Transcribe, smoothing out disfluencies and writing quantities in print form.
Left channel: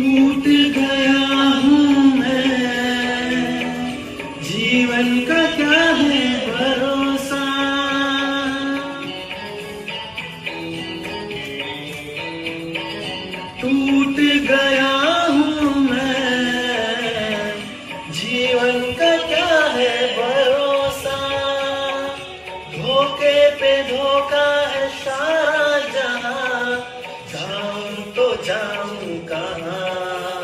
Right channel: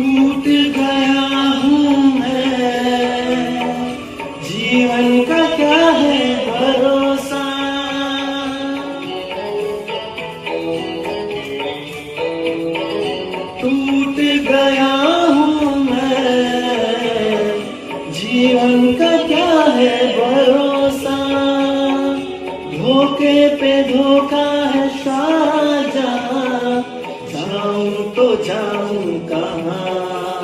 टूट गया हूँ मैं, जीवन का क्या है भरोसा। टूट गया हूँ मैं, जीवन का क्या है भरोसा। धोखे पे धोखा है साजा, जाऊं तो जाऊं कहाँ।